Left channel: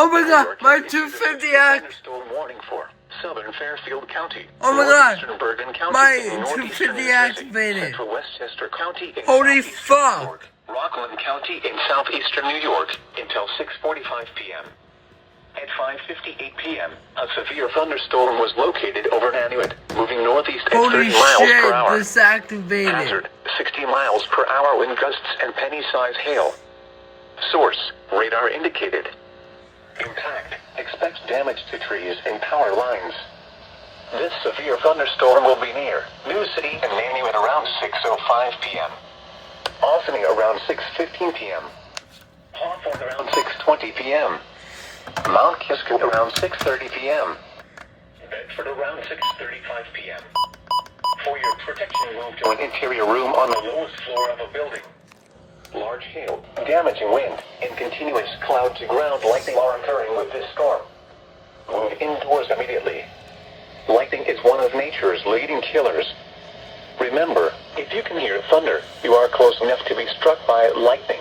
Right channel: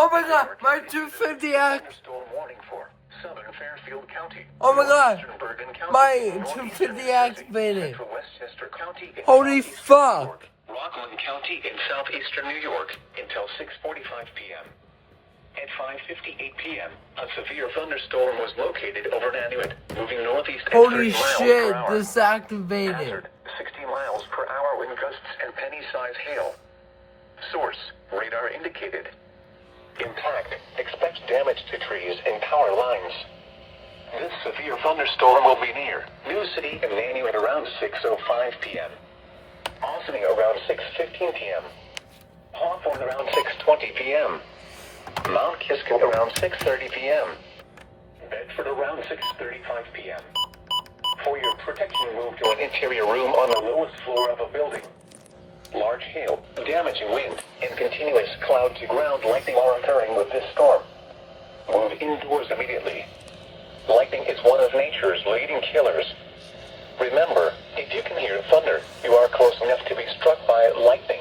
Oh my god, my 250X. Storm warning for southern Fairfield County. Oh my god, northeastern Bergen County, my northeastern 250 New Jersey, activated. Central Westchester County, and Holy southeastern fuck. New York, Rockland County in southeastern New York until 6:45 p.m. At 5:58 p.m., a severe thunderstorm was located over Nanuet, moving northeast at Holy 30 miles shit, per hour. disactivated. Hazard, 60 miles per hour wind gusts and penny-size hail. Source, radar indicated. Impact, expect damage to trees and power lines. This severe thunderstorm will be near New City and Nanuet around 6:05 p.m. Albany around 6:15 p.m. Hawthorne around 6:20 p.m. Mount Kisco around 6:30 p.m. Bedford around 6:35 p.m. For your protection, move to an interior room on the lowest floor of a building. Large hail, damaging wind, and continuous cloud-to-ground lightning are occurring with this storm. Move indoors immediately. Lightning is one of nature's leading killers. Remember, if you can hear thunder, you are close enough to be struck by lightning.